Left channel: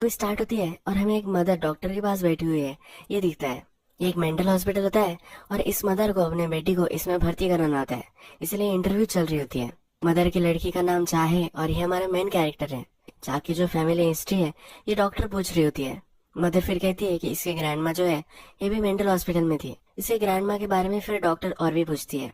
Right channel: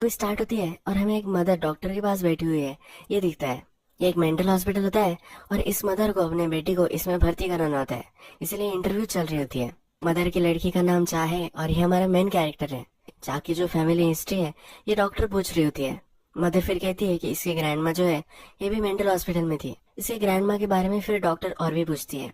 वो स्टार्ट होती है और हमें एक मदर डॉक्टर के पास बैठी हुई है, ये दिखता है। ये एक मेंटल हॉस्पिटल होता है और इस मदर को अपने बेटी को इसमें भर्ती कराना होता है, इसलिए इंटरव्यू चल रही होती है। मदर की लड़की का नाम चाह है और ये हमारा मेन कैरेक्टर है। चाह की जो फैमिली हिस्ट्री है ये डॉक्टर पूछ रही होती है। मदर फिर कहती है कि इसकी ग्रैंड माँ जो है ये भी मेंटल हॉस्पिटल में थी। इसके ग्रैंड माँ के बारे में फिर डॉक्टर और भी पूछती है।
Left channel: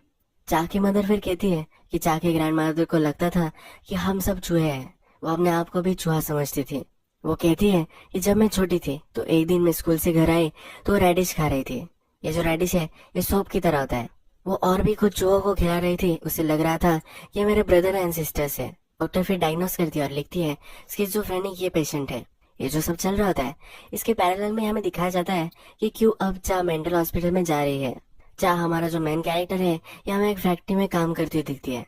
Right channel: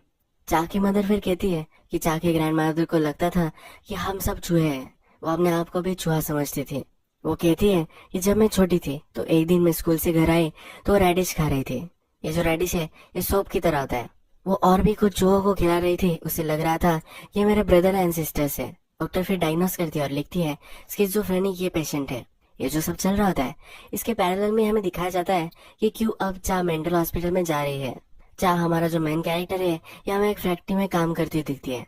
चाह की मदर फिर कहती है कि चाह के ग्रैंड मदर को लगता था कि हम सब चूहे हैं। वो अपने आप को भी चूहा समझती थी। वो कहती है कि जब मैं छोटी थी तो एक दिन मैं स्कूल से घर आई तो रेडिश खा रही थी। ये जो रेडिश है ये सोप की तरह होता है। वो और भी कुछ चूहों को खिला रही थी। उसे लग रहा था कि ये मेरे ब्रदर एंड सिस्टर्स है। डॉक्टर फिर डायग्नोस करती है और लिखती है स्किज़ोफ्रेनिक ये पेशेंट है। ये जो सब चल रहा होता है इसके पैरेलल में हमें दिखाया जाता है कि क्यों अब चाह मेंटल हॉस्पिटल में जा रही है। चाह हमारा जो मेन कैरेक्टर है ये हमें एक फैक्ट्री में काम करती हुई दिखती है।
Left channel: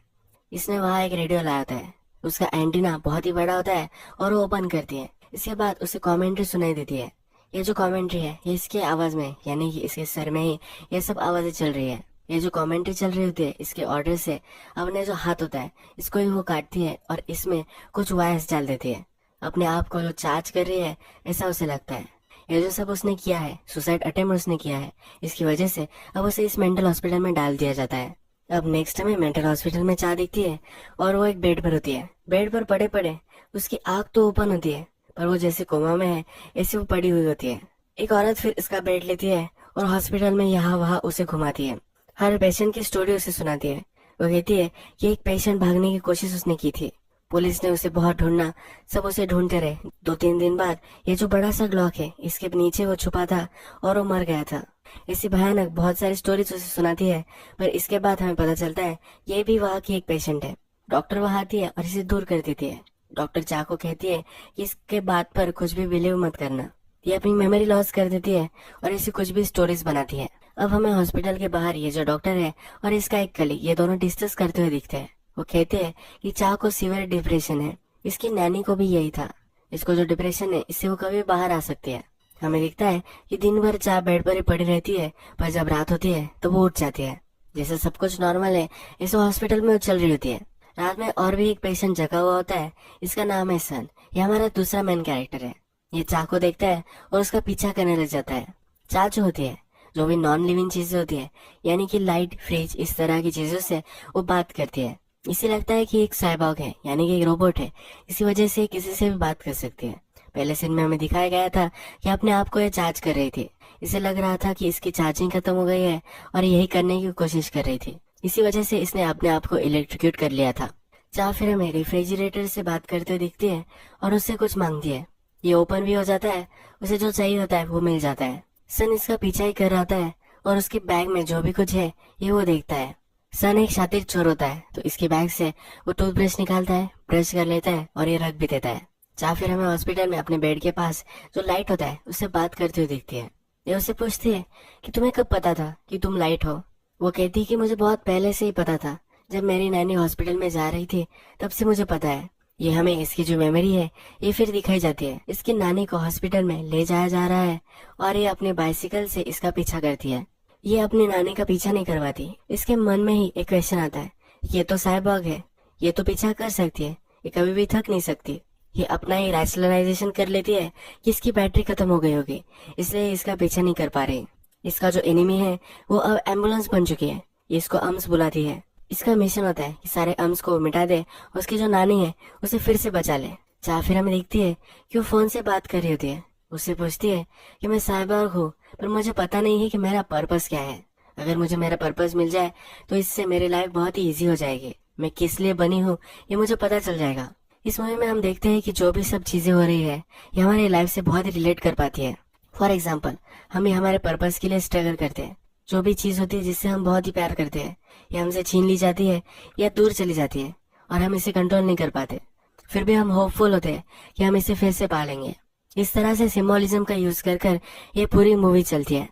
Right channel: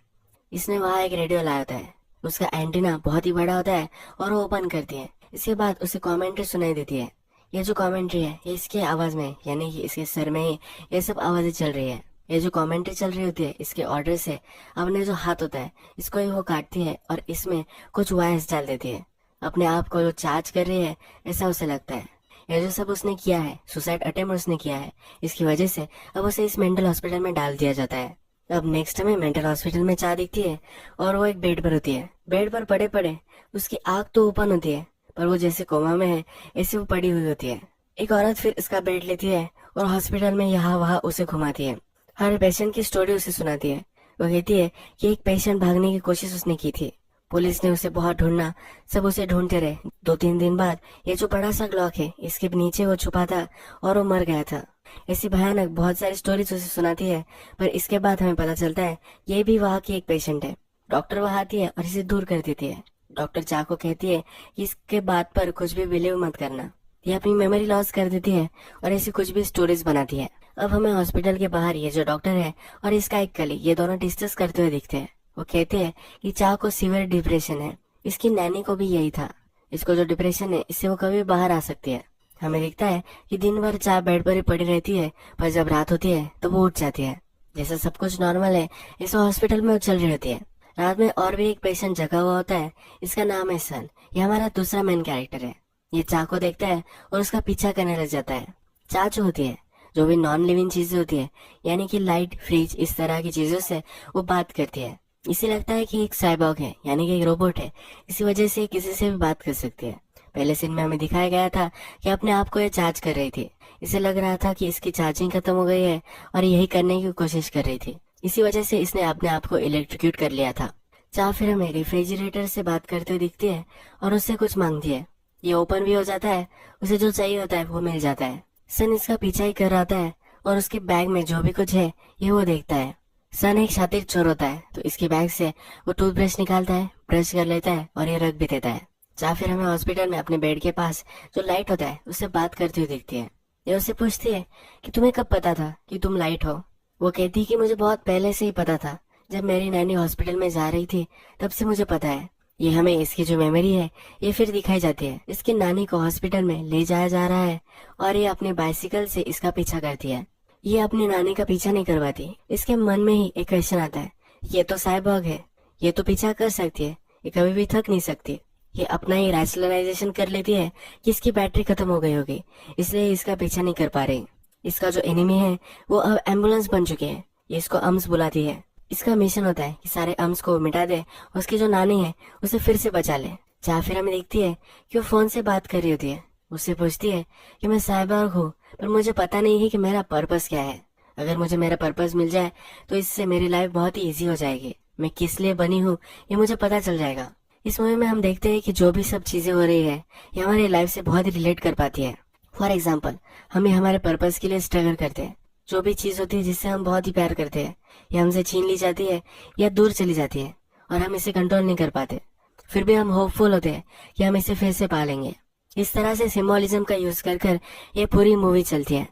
इसने वहाँ एक रेडियो लाया होता है। उसका एंटीना बहुत ही बड़ा होता है और वो ओपन करती है। इसके बाद उसे कमेंट्री सुनाई देती है। ये जो कमेंट्री है ये इसकी आवाज में यानी कि इसके सर में ही ये सब आवाजें चल रही है। ये जो कमेंट्री चल रही होती है इसके ऑर्डर से अपने जो हाथ होता है इसको ही वो काटती है और इसमें कुछ वायर्स डाल देती है। अपने आप को जो चार्ज कर रही है ऐसा उसे लगता है। ये जो सब उसने किया है सुसाइड अटेम्प्ट उसने किया है, इसकी वजह से अब उसे इस मेंटल हॉस्पिटल में डाल दिया जाता है। अब नेक्स्ट में मेंटल हॉस्पिटल में चाह दिखती है और वो एक बेड पर होती है। बेड पर पड़े पड़े उसकी आंख तो ओपन होती है पर वो जैसे कोमा में है ऐसे वो पड़ी हुई होती है। एक औरत फिर इसका बेड लेती है और हॉस्पिटल में यहाँ वहाँ उसे घुमाती है। हर पेशेंट की स्टोरी उसे सुनाती है। वो कहती है कि एक पेशेंट भागने की कोशिश उसने की थी। पुलिस ने उसे बहुत ढूंढना, सब उसे ढूंढते रहे। 2-3 दिन बाद ये जो बड़ा सा ग्लॉक है इसके नीचे वो छुपा था और वो मर गया था। ऐसी भयानक बहुत सारी स्टोरीज उसे सुनाती है पर इसके बाद हमें पता चलता है ये भी वहाँ की एक पेशेंट है। डॉक्टर वहाँ आती है और इसे दूर कर देती है। डॉक्टर चाह को कहती है कि इसके बात पर कुछ भी बिलीव मत करना। ये अपनी मेमोरी लॉस कर देती है और ऐसी कुछ भी स्टोरीज बनाती है। अब हमें हॉस्पिटल के बाहर ये जो डॉक्टर है और इसका एक कलीग ये दोनों डिस्कस करते हुए दिखते हैं। वो कहते हैं कि चाह को सीवियर डिप्रेशन है। इसकी नैनी को भी यही था। इसको जो डिप्रेशन है इससे वो कभी बाहर आ सकती है। हमें दिखता है कि दिन भर चाह बेड पर ही पड़ी रहती है पर जब रात होती है तो वो उठ जाती है। जैसे सब कुछ नॉर्मल है ऐसे हॉस्पिटल में वो चल रही होती है। रात में और भी एक पेशेंट जगा हुआ होता है। इसका नाम है सन। ये हमारा दूसरा मेन कैरेक्टर है। ये चाह को देखता है और उसका पीछा करने लग जाता है। चाह जो होती है जो भी नॉन लिविंग चीजें होती है यानी कि लाइट फ्रिज इस तरह की चीजों से वो बात करती है। इसे लगता है कि एक साइबॉर्ग है यानी कि एक रोबोट है, इसी वजह से किसी से भी बात कर सकती है। पहले सीन में हमें दिखाया गया था कि अपने आप को ये चार्ज कर रही थी। इसे लग रहा था कि इसकी चार्जिंग खत्म हो गई है और यही करने की कोशिश कर रही थी। इसी वजह से इसने अपने आप को इलेक्ट्रिक्यूट कर लिया था। चाह फिर हमें रेफ्रिजरेटर से बात करते हुए दिखती है और उससे कुछ मांगती है। ये ओपन भी हो जाता है, उसे जो चाहिए होता है वो मिल जाता है। सन इसका पीछा ही कर रहा होता है और उसके बैग में जो भी कुछ है ये वो देखता है। सन एक शातिर चोर होता है तो इसके बैग से वो टूथब्रश निकालता है, ब्रश कर लेता है और ये रख भी देता है। चाह फिर हमें हॉस्पिटल में अपने बेड के पास जो लाइट होता है उससे बात करते हुए दिखती है। ये उससे पूछती है कि तुम्हें कब पता था कि तुम लाइट हो। वो कहती है कि मुझे बहुत पहले से ही पता था। जब मेरी नैनी हॉस्पिटल में जा रही थी तब से मुझे पता है। ये हमें इसकी जो मेमोरी है ये फिर दिखाई जाती है। इसकी नानी को हॉस्पिटल में ले जाया जा रहा है और ये अपने बाइसिकल से इसका पीछा करती है। ये अपनी नानी का पीछा नहीं करवाती। इसके मन में ही एक क्वेश्चन आता है, ये तो साइबॉर्ग है, ये तो पीछा कर सकती है, ये कभी भी थक नहीं सकती। ये अपना ही रैशनलाइजेशन कर लेती है कि इसकी बैटरी खत्म हो गई होगी इसलिए इसका पीछा नहीं कर पा रही। इसका जो एनिमी है वो अब एम्बुलेंस बन चुकी है। ये इसको अम्स बुलाती है। इसका मिशन होता है कि सारे अम्स को मिटा दे और उसकी जो नानी है उसे फिर से बचा ले। चाह फिर हमें दिखती है कि वो फोन से बात कर रही होती है। उससे पूछती है कि मैं साइबॉर्ग हूँ पर मुझे पता नहीं है कि मेरा पर्पस क्या है। अगर मुझे मेरा पर्पस मिल जाए तो इससे मेरी लाइफ बहुत ही इजी हो जाएगी। मैं किस लिए बनी हूँ ये मुझे पता चल जाएगा। इस मूवी में हम देखते हैं कि जो भी सब चीजें हो रही है ये हमारी लाइफ से बहुत ही रिलेट कर पाती है। फॉर एग्जाम्पल हमें हमारे पर्पस के लिए स्ट्रगल करते हैं। जो भी चीज होती है जिससे हम बहुत ही प्यार करते हैं ये हमसे छीन ली जाती है या दूर चली जाती है और हम इसे कंट्रोल नहीं कर पाते। फिर भी हम होपफुल होते हैं कि हम इसे फिर से पा लेंगे। इस तरह से सिंबोलिज्म का यूज कर कर ये पूरी मूवी चलती है।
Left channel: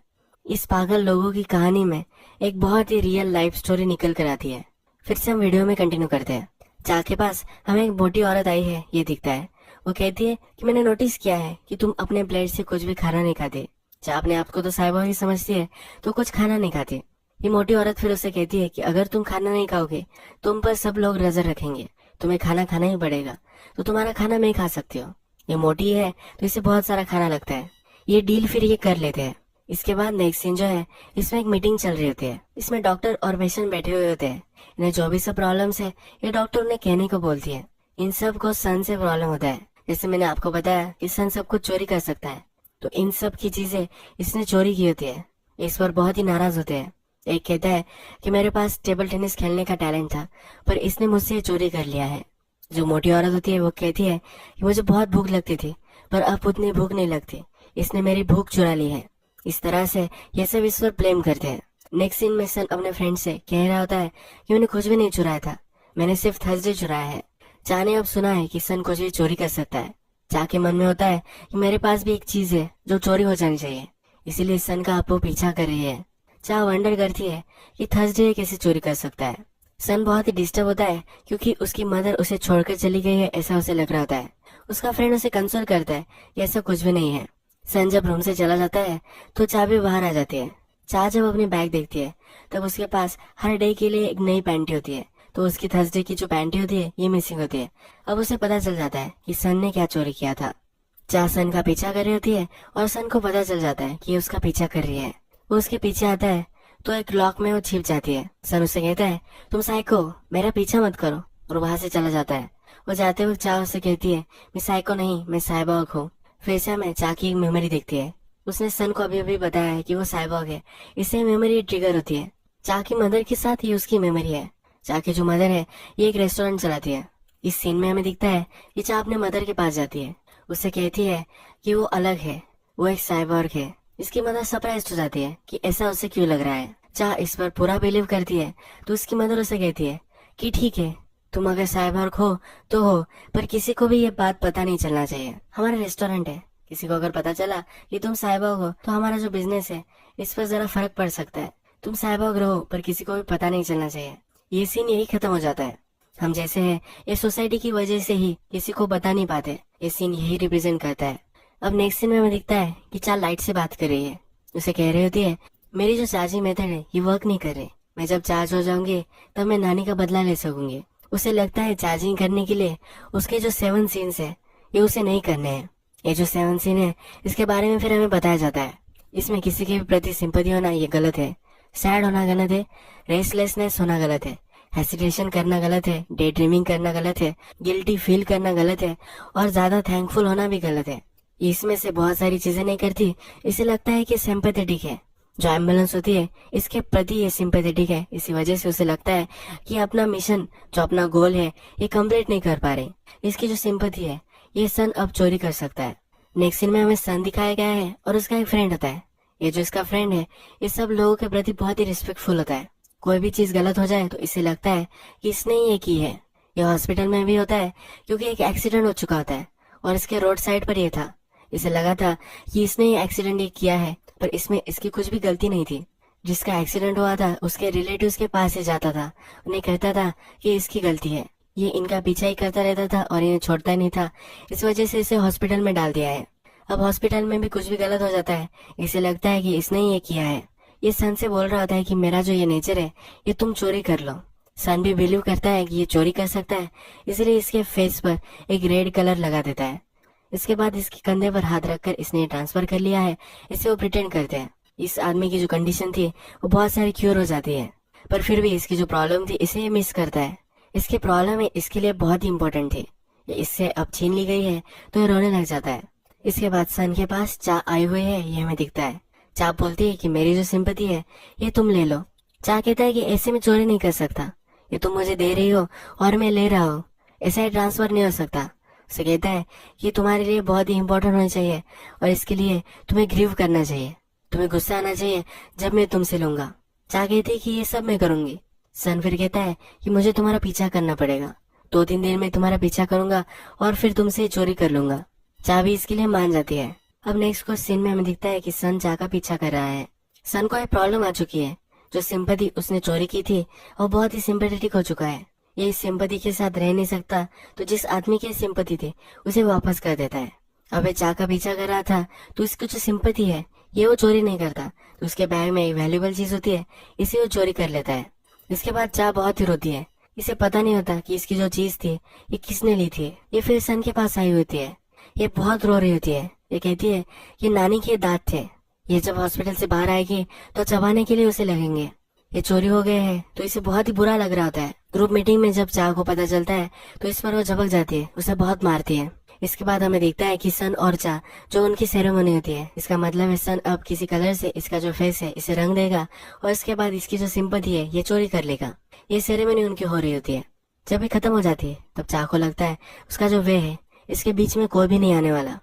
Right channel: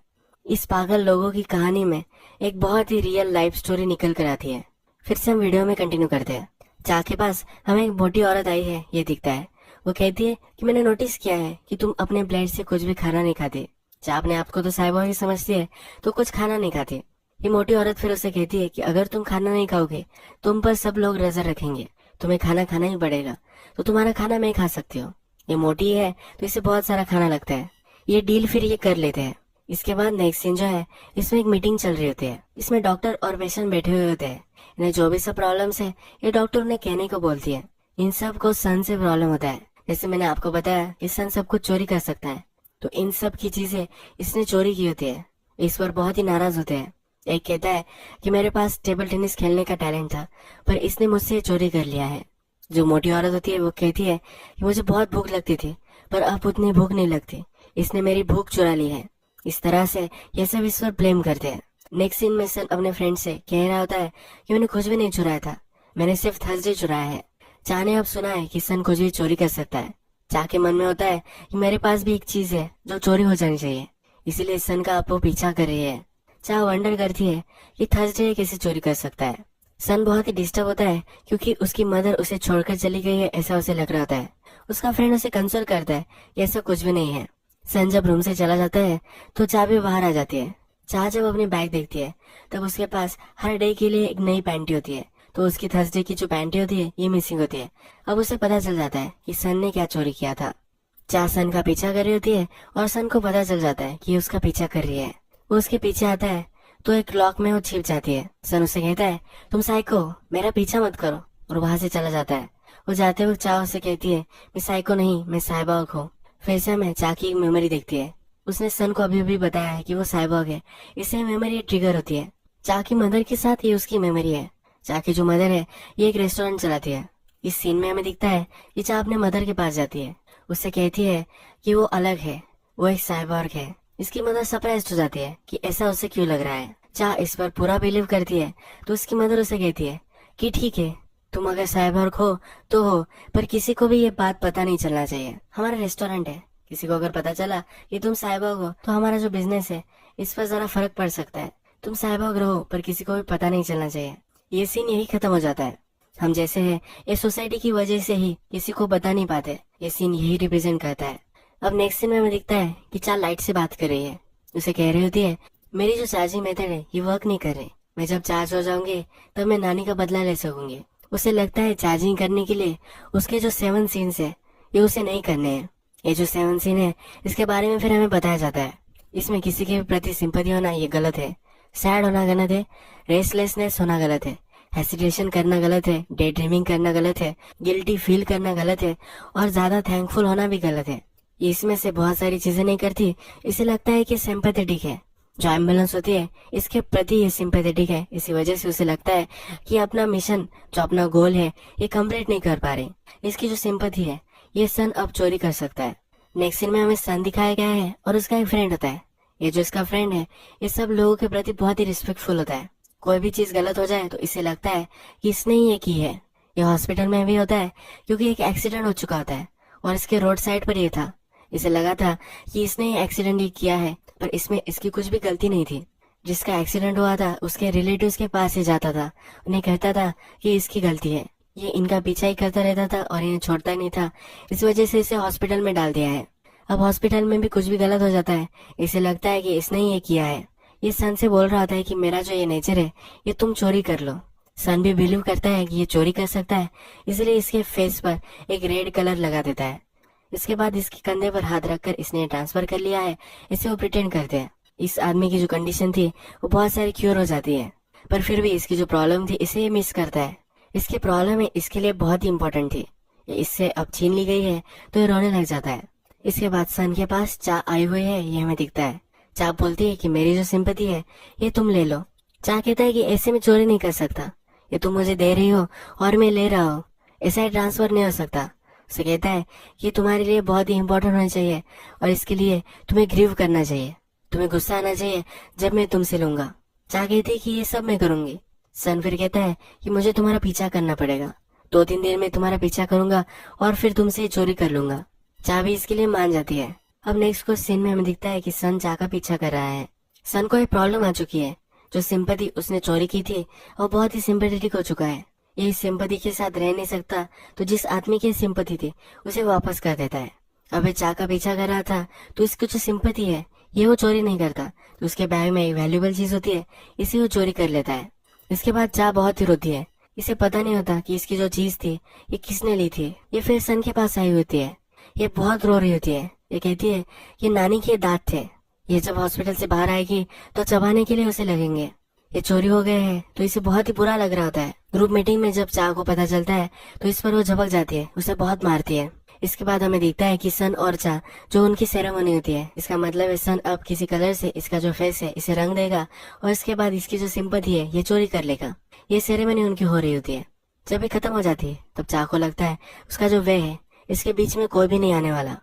इस पागल लोगों की कहानी में एक बहुत ही रियल लाइफ स्टोरी निकल कर आती है। फिर से हम वीडियो में कंटिन्यू करते हैं। चाह के पास हमें एक मोटी औरत आई है ये दिखता है। वो कहती है कि मैंने नोटिस किया है कि तुम अपने प्लेट से कुछ भी खाना नहीं खाते। चाह अपने आप को तो साइबॉर्ग ही समझती है तो कुछ खाना नहीं खाती। ये मोटी औरत फिर उसे कहती है कि अगर तुम खाना नहीं खाओगे तुम पर सब लोग नजर रखेंगे, तुम्हें खाना खाना ही पड़ेगा, तो तुम्हारा खाना मैं खा सकती हूँ। ये मोटी है तो इसे बहुत सारा खाना लगता है। ये डील फिर ये कर लेते हैं। इसके बाद नेक्स्ट सीन जो है, इसमें एक मीटिंग चल रही होती है। इसमें डॉक्टर और पेशेंट बैठे हुए होते हैं। इन्हें जो भी सब प्रॉब्लम्स है ये डॉक्टर उन्हें कहने को बोलती है। इन सब को सन से प्रॉब्लम होता है। जैसे मैंने आपको बताया कि सन सब कुछ चोरी कर सकता है, तो इन सब की चीजें इसने चोरी की होती है। इस पर बहुत ही नाराज होते हैं। एक कहता है कि मेरे पास टेबल टेनिस खेलने का टैलेंट था, पर इसने मुझसे चोरी कर लिया है। जो मोटी औरत होती है वो कहती है कि मुझे बहुत भूख लगती थी, पर अब उतनी भूख नहीं लगती, इसने मेरी भूख चुरा ली है। इस तरह से ये सब इस पर ब्लेम करते हैं। नेक्स्ट सीन में सन अपने फ्रेंड से कह रहा होता है कि मैंने कुछ भी नहीं चुराया था, मैंने सिर्फ थर्सडे चुराया है। चा ने अब सुना है कि सन कुछ भी चोरी कर सकता है। चा के मन में होता है कि मेरे पास भी एक चीज है जो चोरी हो जानी चाहिए, इसीलिए सन का आपको पीछा कर रही है। चा वंडर करती है कि थर्सडे कैसे चोरी कर सकता है। सन बहुत ही डिस्टर्ब होता है क्योंकि उसकी मदर उसे छोड़कर चली गई है, ऐसा उसे लग रहा होता है। उसका फ्रेंड उसे कंसोल करता है कि ऐसा कुछ भी नहीं है। सन जब रूम से चला जाता है तो चा भी बाहर आ जाती है। चा जब अपनी बैग देखती है तब उसके पास हर डे के लिए एक नई पैंटी होती है, तो उसकी थर्सडे की जो पैंटी होती है ये मिसिंग होती है। अब उसे पता चल जाता है कि सन ने क्या चोरी किया था। चा सन का पीछा कर रही होती है और सन को पता चल जाता है कि ये उसका पीछा कर रही है। वो उसके पीछे आता है तो एक लॉक में वो छिप जाती है। सन उसे कहता है तुम साइको, मेरा पीछा मत करो, और वहां से चला जाता है। वो जाते वक्त चा उसे कहती है मैं साइको नहीं, मैं साइबॉग हूँ। फिर से में चा की एक मेमोरी देखती है। उसने सन को अभी अभी बताया है कि वो साइबॉग है, इससे मेमोरी ट्रिगर होती है। चा की मदर के साथ ये उसकी मेमोरी है। चा की जो मदर है ये एक रेस्टोरेंट चलाती है। इस सीन में हमें दिखता है कि चा अपने मदर के पास जाती है। उससे कहती है कि वो अलग है, वो एक साइबॉर्ग है। इसकी मदर सरप्राइज हो जाती है कि ऐसा उसे क्यों लग रहा है। चा इस पर पूरा बिलीव करती है तो उसकी मदर उसे कहती है कि ठीक है, तुम अगर साइबॉर्ग हो तो हो, पर किसी को भी ये बात पता नहीं चलना चाहिए। हमारा रेस्टोरेंट है, किसी को अगर पता चला कि तुम साइबॉर्ग हो तो हमारा जो बिजनेस है इस पर जरा फर्क पड़ सकता है। तुम साइबॉर्ग रहो पर किसी को भी पता नहीं चलना चाहिए। ये सीन यही खत्म हो जाता है। हम जैसे हैं ये सोसाइटी की वजह से ही किसी को बता नहीं पाते। ये सीन यही रिप्रेजेंट करता है। अब नेक्स्ट सीन में हमें दिखता है कि चा लाइट से बात कर रही है। उसे कह रही होती है मेरी जो चार्जिंग मेथड है ये वर्क नहीं कर रही, मैं जब चार्ज हो जाऊंगी तब मैं नानी का बदला ले सकूंगी। उसे लगता है चार्जिंग करने के लिए उसके जो 7 सीन्स है ये उसे नहीं करने हैं। ये जो 7 सीन है इसके बारे में फिर हमें बताया जाता है। इसमें किसी के प्रति सिंपैथी होना ये गलत है, सैड होना गलत है, रेस्टलेसनेस होना गलत है, हेसिटेशन करना गलत है, डे ड्रीमिंग करना गलत है, गिल्टी फील करना गलत है, और ज्यादा थैंकफुल होना भी गलत है। ये इसमें से बहुत सारी चीजें नहीं करती। इसे लगता है कि सिंपैथेटिक है। जो एम्बुलेंस होती है इसके प्रति ये सिंपैथेटिक है, इसी वजह से उसे लगता है कि अपना मिशन, जो अपना गोल है, ये कंप्लीट नहीं कर पा रहे। इसकी जो सिंपैथी है ये सन अब चोरी कर सकता है। नेक्स्ट सीन में हमें सन दिखाया गया है और उसका एक फ्रेंड होता है। ये जो इसका फ्रेंड है ये सब लोगों के प्रति बहुत ही रिस्पेक्टफुल होता है। कोई भी चीज गलत हो जाए तो इसे लगता है कि इसने ही ये की है। ये हॉस्पिटल में भी होता है क्योंकि एक एक्सीडेंट हो चुका होता है और इसके रोड साइड पर ये था। इसे लगा था कि इसने ये एक्सीडेंट ही किया है, पर इसमें इसकी कुछ भी गलती नहीं थी। जिसका एक्सीडेंट हुआ था उसके रिलेटिव्स के पास ही जाता था, उन्हें कहता था कि इसकी गलती है। ये इनका पीछा ही करता रहता था और इन्हें छोड़ता ही नहीं था। इस वजह से इसे हॉस्पिटल में डाल दिया है। अब हॉस्पिटल में भी कुछ भी गलत हो जाता है, इसे लगता है कि इसने ही ये किया है। ये सन से बोल रहा होता है कि मेरा जो ये नेचर है ये तुम चोरी कर लो। सन भी बिलीव करता है कि ये चोरी कर सकता है, इसलिए इसके फेस पर एक रेड कलर लगा देता है। इसके बाद इसके कंधे पर हाथ रखकर इसने ट्रांसफर कर लिया है, इसे वो प्रिटेंड करते हैं। इस आदमी की जो कंडीशन थी वो बहुत सारी क्योर हो जाती है, पर फिर भी इसकी जो प्रॉब्लम थी इसे मिस करता है। इसकी प्रॉब्लम है इसके लिए बहुत ही इम्पोर्टेंट थी, ये इससे अब छीन ली गई है तो ये रोने लग जाता है। इसके बाद सन के पास चा आए हुए है, ये हमें दिखता है। चा बोलती है कि मेरी जो सिंपैथी है ये तुम ले लो। चा कहता है कि ऐसे में चोरी नहीं कर सकता, ये तुम मुझे दे रही हो और मैं ले रहा हूँ, ऐसा ट्रांसफर नहीं हो सकता। उसे कहता है कि तुम्हारे लिए बहुत ही इम्पोर्टेंट होना चाहिए और इसके लिए तुम्हें ग्रीव करना चाहिए, तुम्हें गुस्सा आना चाहिए जब मैं तुमसे लूंगा। चा कहती है कि ये सब मैं करूंगी। सन फिर कहता है कि मुझे तुम्हारा पीछा करना पड़ेगा, 2-3 दिन में तुम्हारा पीछा करूंगा और फिर तुमसे चोरी कर लूंगा। चा भी इसके लिए मान जाती है। अब नेक्स्ट कुछ सीन में हमें दिखता है कि सन चा का पीछा कर रहा है। सन को एक प्रॉब्लम आ चुकी है, जो सिंपैथी उसने चोरी की थी और बहुत ही सिंपैथेटिक हो चुका है। ये इस सिंपैथी के साथ रह नहीं सकता, तो जिस आदमी की सिंपैथी थी उसे वापस कर देता है। अब ये चा का पीछा कर रहा था तो इसकी जो सिंपैथी है ये वो चोरी नहीं करता, तो उसके बैग में एक वैल्यूबल चीज होती है, इसे वो चोरी कर लेता है। इसके बाद चा बहुत ही रोती है। इसे पता नहीं होता कि इसकी जो चीज थी ये किसने ली थी। ये फिर सन के पास आई होती है। ये बहुत रो रही होती है। ये कहती है कि नानी के दांत थे, ये जब हॉस्पिटल से बाहर आएगी तो चबाने के लिए उसे लगेंगे। ये चोरी हो गए हैं तो इसे बहुत ही बुरा लग रहा होता है। ग्रुप मीटिंग में जब चाह को पता चलता है तो इस पर वो झपक जाती है, उसे बहुत मारती है। इसके बाद हमें दिखता है कि सन और चा जो उनकी सेरेमनी होती है, इसका मतलब है सन अब किसी कलर से इसका जो फेस है इसे रंग देगा और इसके बाद इसकी जो सिंपैथी है ये चोरी कर लेगा। ये सेरेमनी उनकी हो रही होती है। जब ये खत्म हो जाती है तब चा को लगता है उसका जो वे है इसके बीच में कोई भी नहीं आने वाला।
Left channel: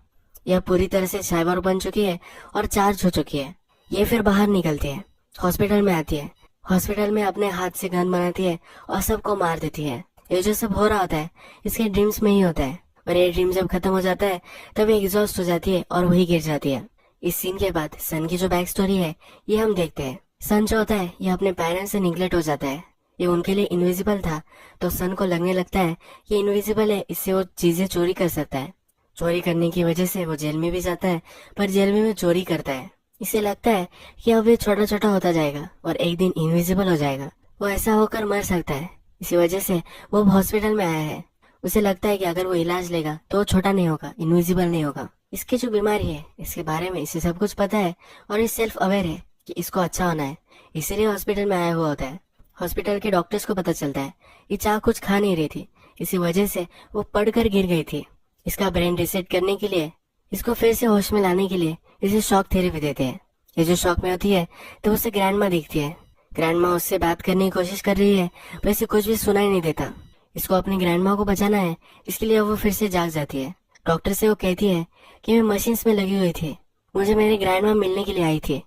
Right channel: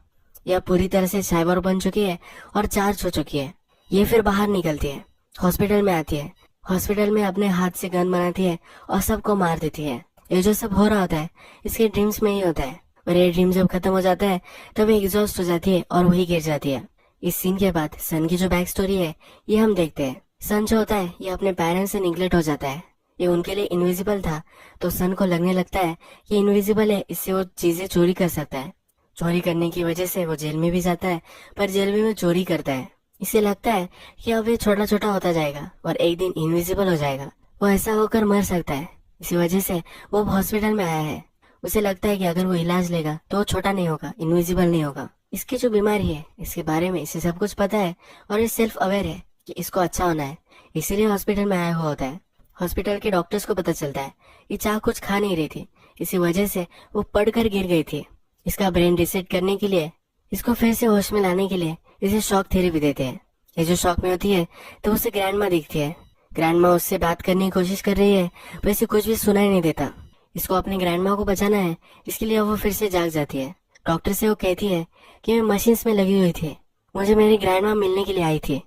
यह पूरी तरह से साइबर बन चुकी है और चार्ज हो चुकी है। ये फिर बाहर निकलती है, हॉस्पिटल में आती है। हॉस्पिटल में अपने हाथ से गन बनाती है और सबको मार देती है। ये जो सब हो रहा होता है इसके ड्रीम्स में ही होता है और ये ड्रीम जब खत्म हो जाता है तब ये एग्जॉस्ट हो जाती है और वही गिर जाती है। इस सीन के बाद सन की जो बैक स्टोरी है ये हम देखते हैं। सन जो होता है ये अपने पेरेंट्स से निगलेक्ट हो जाता है। ये उनके लिए इनविजिबल था तो सन को लगने लगता है कि इनविजिबल है, इससे वो चीजें चोरी कर सकता है। चोरी करने की वजह से वो जेल में भी जाता है, पर जेल में वो चोरी करता है। इसे लगता है कि अब ये छोटा छोटा होता जाएगा और एक दिन इनविजिबल हो जाएगा। वो ऐसा होकर मर सकता है, इसी वजह से वो अब हॉस्पिटल में आया है। उसे लगता है कि अगर वो इलाज लेगा तो वो छोटा नहीं होगा, इनविजिबल नहीं होगा। इसकी जो बीमारी है इसके बारे में इसे सब कुछ पता है और ये सेल्फ अवेयर है कि इसको अच्छा होना है, इसीलिए हॉस्पिटल में आया हुआ होता है। हॉस्पिटल के डॉक्टर्स को पता चलता है ये चाह कुछ खा नहीं रही थी, इसी वजह से वो पड़कर गिर गई थी। इसका ब्रेन रिसेट करने के लिए, इसको फिर से होश में लाने के लिए इसे शॉक थेरेपी देते हैं। ये जो शॉक में होती है तो उसे ग्रैंडमा दिखती है। ग्रैंडमा उससे बात करने की कोशिश कर रही है पर इसे कुछ भी सुनाई नहीं देता। इसको अपनी ग्रैंडमा को बचाना है, इसके लिए वो फिर से जाग जाती है। डॉक्टर से वो कहती है कि मैं मशीन्स में लगी हुई थी, मुझे मेरी ग्रैंडमा मिलने के लिए आई थी।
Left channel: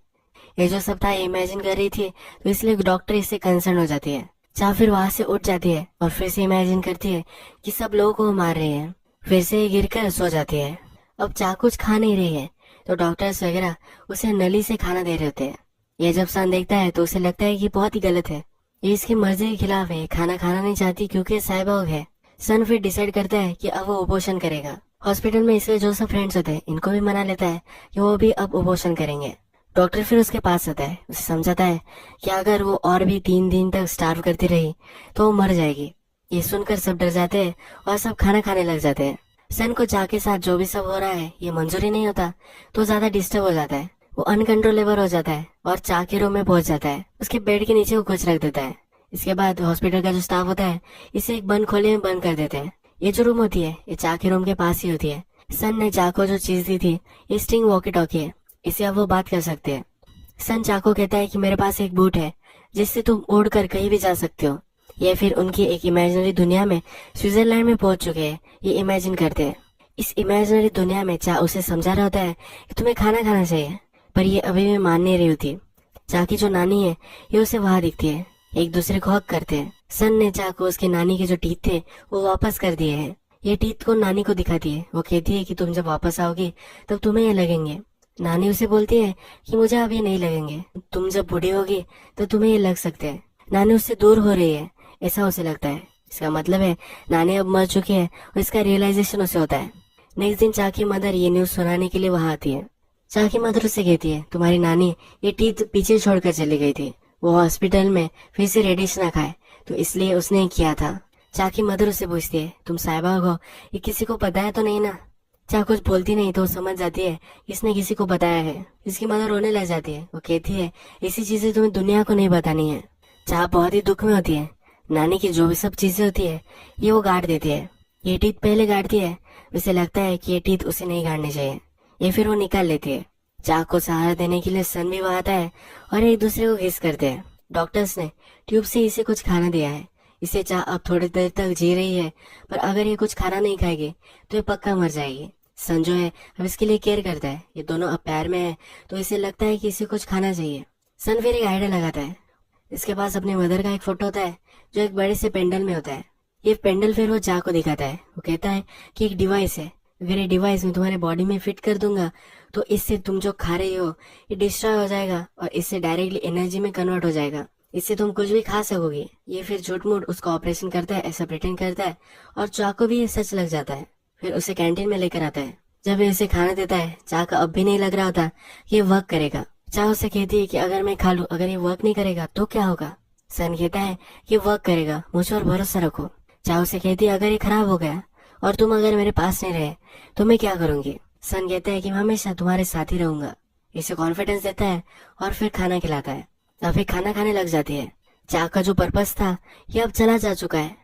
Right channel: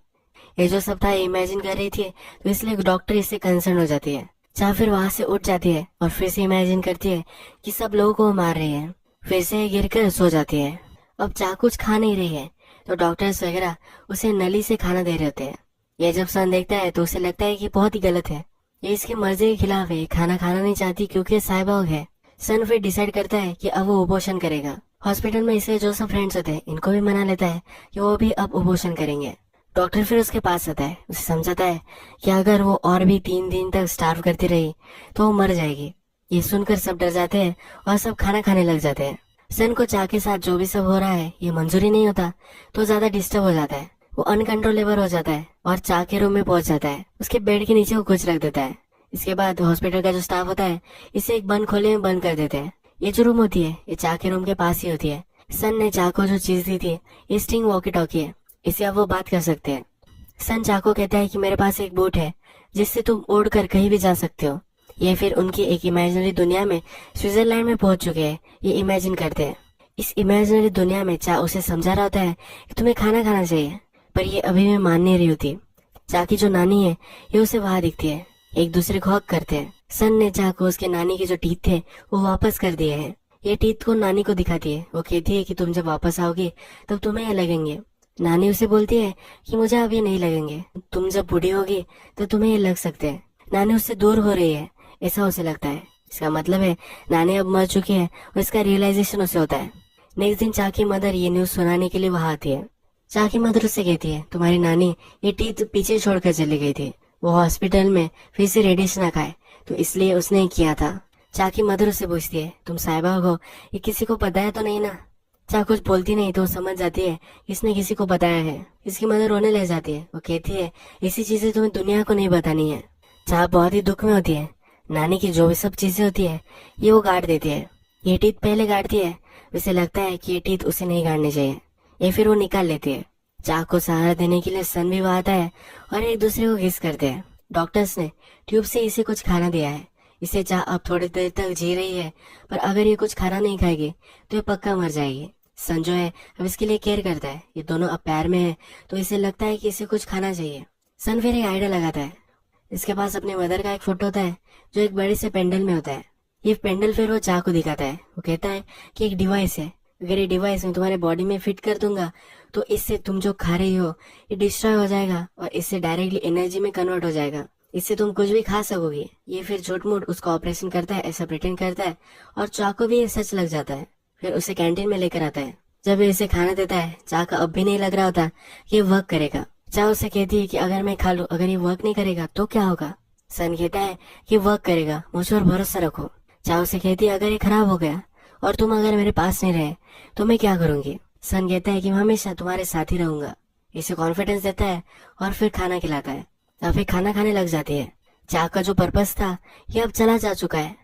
ये जो सब था इमेजिन कर रही थी तो इसलिए डॉक्टर इससे कंसर्न हो जाती है। चाह फिर वहां से उठ जाती है और फिर से इमेजिन करती है कि सब लोगों को वो मार रहे हैं। फिर से ये गिरकर सो जाती है। अब चाह कुछ खा नहीं रही है तो डॉक्टर्स वगैरह उसे नली से खाना दे रहे होते हैं। ये जब सन देखता है तो उसे लगता है कि बहुत ही गलत है, ये इसकी मर्जी के खिलाफ है, खाना खाना नहीं चाहती क्योंकि साइबॉर्ग है। सन फिर डिसाइड करता है कि अब वो अबॉर्शन करेगा। हॉस्पिटल में इसके जो सब फ्रेंड्स होते हैं इनको भी मना लेता है कि वो भी अब अबॉर्शन करेंगे। डॉक्टर फिर उसके पास आता है, उसे समझाता है कि अगर वो और भी 3 दिन तक स्टार्व करती रही तो वो मर जाएगी। ये सुनकर सब डर जाते हैं और सब खाना खाने लग जाते हैं। सन को चाह के साथ जो भी सब हो रहा है ये मंजूरी नहीं होता तो ज्यादा डिस्टर्ब हो जाता है। वो अनकंट्रोलेबल हो जाता है और चाह के रूम में पहुंच जाता है। उसके बेड के नीचे वो कुछ रख देता है। इसके बाद हॉस्पिटल का जो स्टाफ होता है इसे एक बंद खोले में बंद कर देते हैं। ये जो रूम होती है ये चाह के रूम के पास ही होती है। सन ने चाह को जो चीज दी थी ये स्टिंग वॉकी टॉकी है, इससे अब वो बात कर सकते हैं। सन चाह को कहता है कि मेरे पास एक बोट है जिससे तुम उड़ कर कहीं भी जा सकते हो। ये फिर उनकी एक इमेजिनरी दुनिया में स्विट्जरलैंड में पहुंच चुके हैं, ये इमेजिन करते हैं। इस इमेजिनरी दुनिया में चाह उसे समझा रहा होता है कि तुम्हें खाना खाना चाहिए, पर ये अभी भी मान नहीं रही होती। चाह की जो नानी है ये उसे वहां दिखती है, एक दूसरे को हक करते हैं। सन ने चाह को उसके नानी के जो टीथ थे वो वापस कर दिए हैं। ये टीथ को नानी को दिखाती है। वो कहती है कि तुम जब वापस आओगी तब तुम्हें ये लगेंगे। नानी उसे बोलती है कि मुझे अभी नहीं लगेंगे, तुम जब बूढ़ी होगी तो तुम्हें ये लग सकते हैं। नानी उससे दूर हो रही है ऐसा उसे लगता है। इसका मतलब है नानी अब मर चुकी है और इसका रियलाइजेशन उसे होता है। नेक्स्ट दिन चाह की मदर ये न्यूज सुनाने के लिए वहां आती है। चाह की मदर उससे कहती है तुम्हारी नानी ये टीथ पीछे छोड़कर चली गई थी, वो हॉस्पिटल में फिर से रेडिएशन ना खाए तो इसलिए उसने किया था। चाह की मदर उससे पूछती है तुम साइबॉर्ग हो, ये किसी को पता है तो नहीं ना। चाह कुछ बोलती नहीं तो वो समझ जाती है इसने किसी को बताया है। इसकी मदर रोने लग जाती है। वो कहती है ऐसी चीजें तुम्हें दुनिया को नहीं बतानी है। चाह बहुत ही दुख में होती है। नानी की जो भी सब चीजें होती है ये वो गाड़ देती है। ये टीथ पहले गाड़ती है, उसे लगता है कि ये टीथ उसे नहीं गाड़नी चाहिए, ये फिर वो निकाल लेती है। चाह को सहारा देने के लिए सन भी वहां आता है और एक दूसरे को किस करते हैं। डॉक्टर्स ने ट्यूब से इसे कुछ खाना दिया है, इसे चाह अब थोड़ी देर तक जी रही है, पर अगर ये कुछ खाना नहीं खाएगी तो ये पक्का मर जाएगी। सन जो है अब इसके लिए केयर करता है। ये दोनों अब प्यार में है तो इसे लगता है कि इसे कुछ खाना चाहिए। सन फिर एक आइडिया लगाता है। इसके पास अपनी मदर का एक फोटो होता है जो एक बड़े से पेंडल में होता है। ये पेंडल फिर वो चाह को दिखाता है। वो कहता है कि एक डिवाइस है, अगर ये डिवाइस मैं तुम्हारे बॉडी में फिट कर दूंगा तो इससे तुम जो खा रही हो ये डिस्ट्रॉय हो जाएगा और इससे डायरेक्टली एनर्जी में कन्वर्ट हो जाएगा, इससे तुम कुछ भी खा सकोगे। ये फिर झूठ मूठ उसका ऑपरेशन करता है, ऐसा प्रिटेंड करता है और चाह को भी ये सच लग जाता है। फिर उसे कैंटीन में लेकर आता है। जब ये इसे खाना देता है चाह का अब भी नहीं लग रहा होता कि ये वर्क करेगा। चाह उससे कहती है कि अगर मैं खा लूं, अगर ये वर्क नहीं करेगा तो क्या होगा। सन कहता है कि वर्क करेगा, मुझ पर भरोसा रखो। चाह उसे कहती है अगर ये खराब हो गया और तुम अगर मेरे पास नहीं रहे तो मैं क्या करूंगी। सन कहता है कि मैं हमेशा तुम्हारे साथ ही रहूंगा। इसे कॉन्फिडेंस देता है और फिर खाना खिलाता है। और फिर खाना खाने लग जाती है। चाक का जो पर्पस था ये अब चला जा चुका है।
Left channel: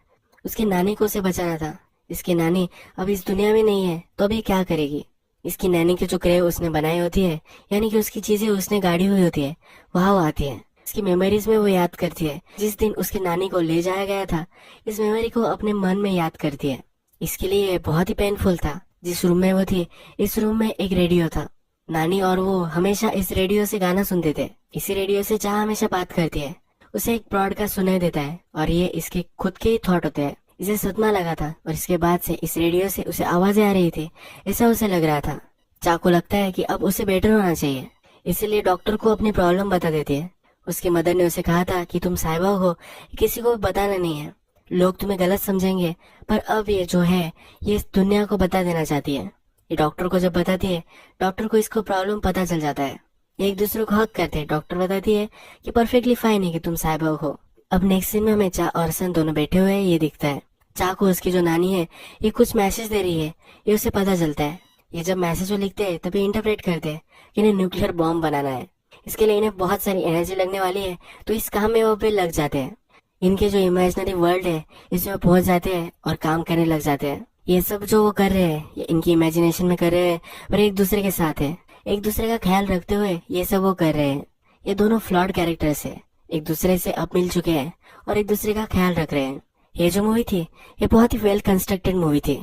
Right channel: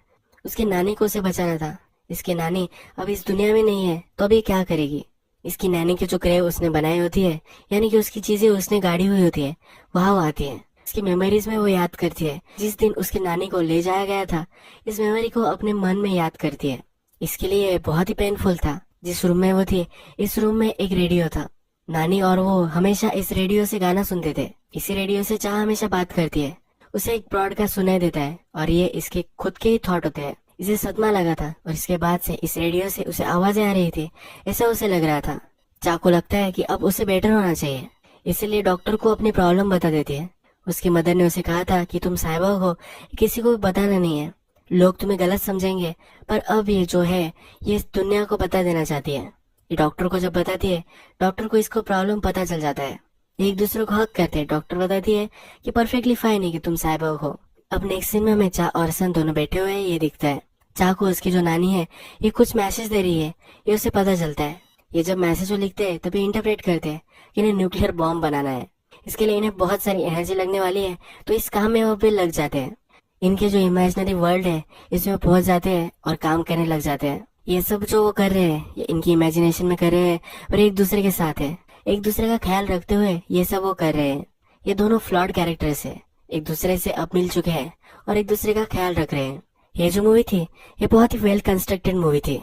उसकी नानी को उसे बचाना था। इसकी नानी अब इस दुनिया में नहीं है तो अभी क्या करेगी। इसकी नानी की जो क्रेव उसने बनाई होती है, यानी कि उसकी चीजें उसने गाड़ी हुई होती है, वहाँ वो आती है। इसकी मेमोरीज में वो याद करती है जिस दिन उसकी नानी को ले जाया गया था। इस मेमोरी को अपने मन में याद करती है। इसके लिए बहुत ही पेनफुल था। जिस रूम में वो थी, इस रूम में एक रेडियो था। नानी और वो हमेशा इस रेडियो से गाना सुनते थे। इसी रेडियो से चाह हमेशा बात करती है। उसे एक ब्रॉडकास्ट सुनाई देता है और ये इसके खुद के ही थॉट होते हैं। इसे सदमा लगा था और इसके बाद से इस रेडियो से उसे आवाजें आ रही थी, ऐसा उसे लग रहा था। चाह को लगता है कि अब उसे बेटर होना चाहिए, इसलिए डॉक्टर को अपनी प्रॉब्लम बता देती है। उसकी मदर ने उसे कहा था कि तुम साहिबा हो, किसी को बताना नहीं है, लोग तुम्हें गलत समझेंगे। पर अब ये जो है ये इस दुनिया को बता देना चाहती है। ये डॉक्टर को जब बताती है, डॉक्टर को इसको प्रॉब्लम पता चल जाता है। एक दूसरे को हक करते हैं। डॉक्टर बताती है कि परफेक्टली फाइन है कि तुम साहिबा हो। अब नेक्स्ट सीन में हमें चाह और सन दोनों बैठे हुए हैं, ये दिखता है। चाह को उसकी जो नानी है ये कुछ मैसेज दे रही है, ये उसे पता चलता है। ये जब मैसेज वो लिखते हैं तभी इंटरप्रेट करते हैं कि इन्हें न्यूक्लियर बॉम्ब बनाना है। इसके लिए इन्हें बहुत सारी एनर्जी लगने वाली है, तो इस काम में वो भी लग जाते हैं। इनके जो इमेजिनरी वर्ल्ड है इसमें पहुंच जाते हैं और काम करने लग जाते हैं। ये सब जो वो कर रहे हैं ये इनकी इमेजिनेशन में कर रहे हैं और एक दूसरे के साथ है। एक दूसरे का ख्याल रखते हुए ये सब वो कर रहे हैं। ये दोनों फ्लॉड कैरेक्टर्स है, एक दूसरे से अब मिल चुके हैं और एक दूसरे का ख्याल रख रहे हैं। ये जो मूवी थी ये बहुत ही वेल कंस्ट्रक्टेड मूवी थी।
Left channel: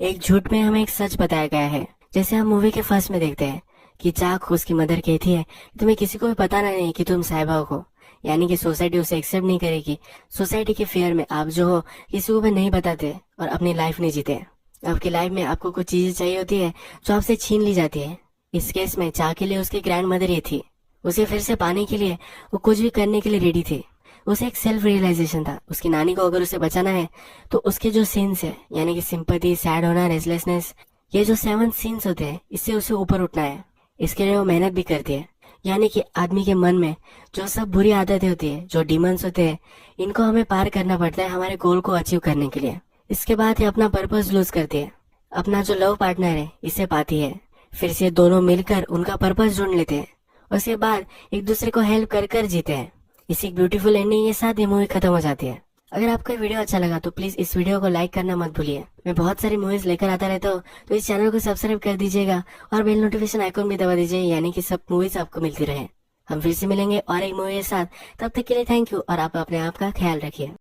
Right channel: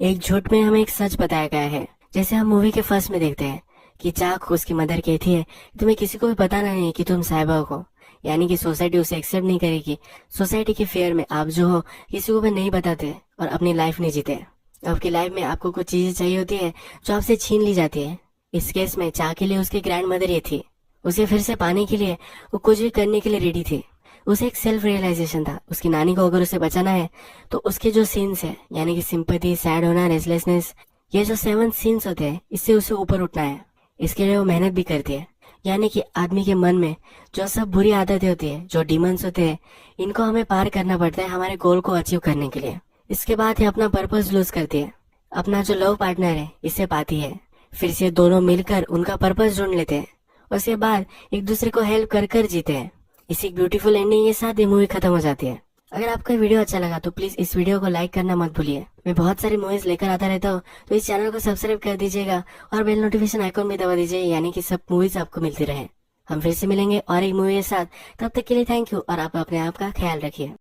एक झूठ में हमें एक सच बताया गया है। जैसे हम मूवी के फर्स्ट में देखते हैं कि चाक उसकी मदर कहती है तुम्हें किसी को भी बताना नहीं कि तुम साहिबा हो, यानी कि सोसाइटी उसे एक्सेप्ट नहीं करेगी। सोसाइटी के फेयर में आप जो हो किसी को भी नहीं बताते और अपनी लाइफ नहीं जीते। आपकी लाइफ में आपको कुछ चीजें चाहिए होती है जो आपसे छीन ली जाती है। इस केस में चाह के लिए उसकी ग्रैंड मदर ये थी। उसे फिर से पाने के लिए वो कुछ भी करने के लिए रेडी थे। उसे एक सेल्फ रियलाइजेशन था, उसकी नानी को अगर उसे बचाना है तो उसके जो सीन्स है यानी कि सिंपैथी, सैड होना, रेस्टलेसनेस, ये जो 7 सीन्स होते हैं इससे उसे ऊपर उठना है। इसके लिए वो मेहनत भी करती है। यानी कि आदमी के मन में जो सब बुरी आदतें होती है, जो डिमंस होते हैं, इनको हमें पार करना पड़ता है हमारे गोल को अचीव करने के लिए। इसके बाद है अपना पर्पस लूज करती है। अपना जो लव पार्टनर है इससे पाती है। फिर से दोनों मिलकर उनका पर्पस ढूंढ लेते हैं। उसके बाद एक दूसरे को हेल्प कर कर जीते हैं। इसी ब्यूटीफुल एंडिंग के साथ ये मूवी खत्म हो जाती है। अगर आपको ये वीडियो अच्छा लगा तो प्लीज इस वीडियो को लाइक करना मत भूलिए। मैं बहुत सारी मूवीज लेकर आता रहता हूँ, तो इस चैनल को सब्सक्राइब कर दीजिएगा और बेल नोटिफिकेशन आइकॉन भी दबा दीजिए, यानी कि सब मूवीज आपको मिलती रहे। हम फिर से मिलेंगे और एक मूवी के साथ। तब तक के लिए थैंक यू और आप अपने आप का ख्याल रखिए।